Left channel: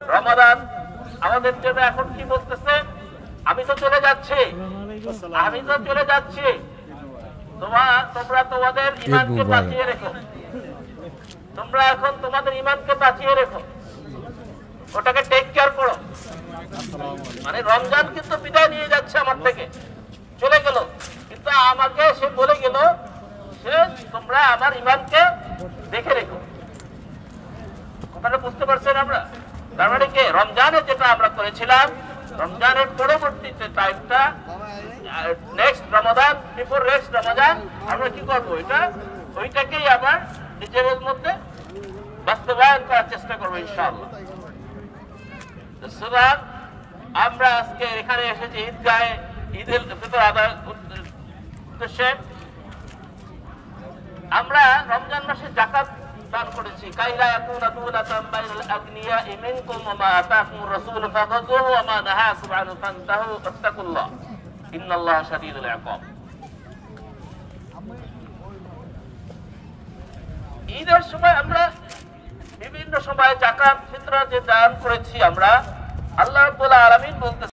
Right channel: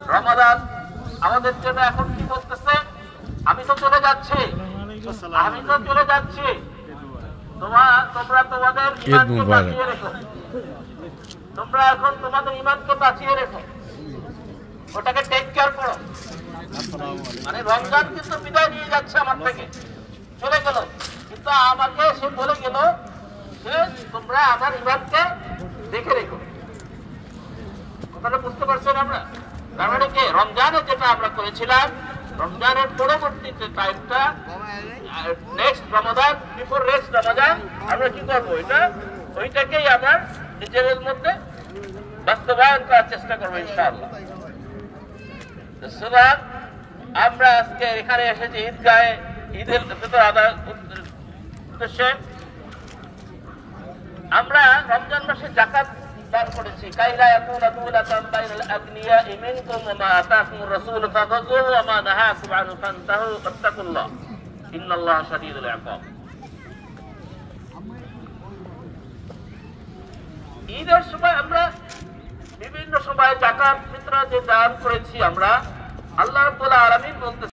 রমাদান আমাদের জন্য এখন কি বলতেছে? আমি তো চলে যাচ্ছি, তোমরা তোমাদের ইমানকে বাঁচিয়ে রেখো, তোমরা এখন তোমাদের ইমানকে বাঁচিয়ে রেখো, ওটাকে টেক কেয়ার করো। মানে রমজান কিন্তু বিদায় নিয়ে যাচ্ছে আমার থেকে, চলে গেল, কিন্তু আমাকে সে বলে গেল যে তোমরা আমার ইমানকে দেখে রেখো। কথাটা বুঝতে পারছেন আমরা? তার মানে কি রমজানে যেটা আমরা করেছিলাম, রমজানের পরবর্তীতে টাইমটা নেক্সট রমাদান, বিফোর নেক্সট রমাদান আমরা কি করবো? এটা ওইটাকেই আবার নিজেদের মধ্যে বাস্তবায়ন করার চেষ্টা করবো ইনশাআল্লাহ। সুতরাং আমরা আজকে এখানে এসেছি ঈদগাহে, ঈদের ফিতর আদায় উদ্দেশ্যে। আমরা রমজান মাসে যাকাত দান করেছি। কাইলা ইয়াকুনা দুলাতান বাইনাল আগনিয়া মিনকুম ওয়া মা আতাকুমুর রাসূল ফাখাযুহু ওয়া মা নাহাকুম আনহু ফান্তাহু ওয়াত্তাকুল্লাহ ইন্নাল্লাহা শাদীদুল ইকাব। ঈদের সময় আমরা বিভিন্ন সময় যাকাত ফিতর যে দান করেছি আমরা, আল্লাহ রাব্বুল আলামিন বলতে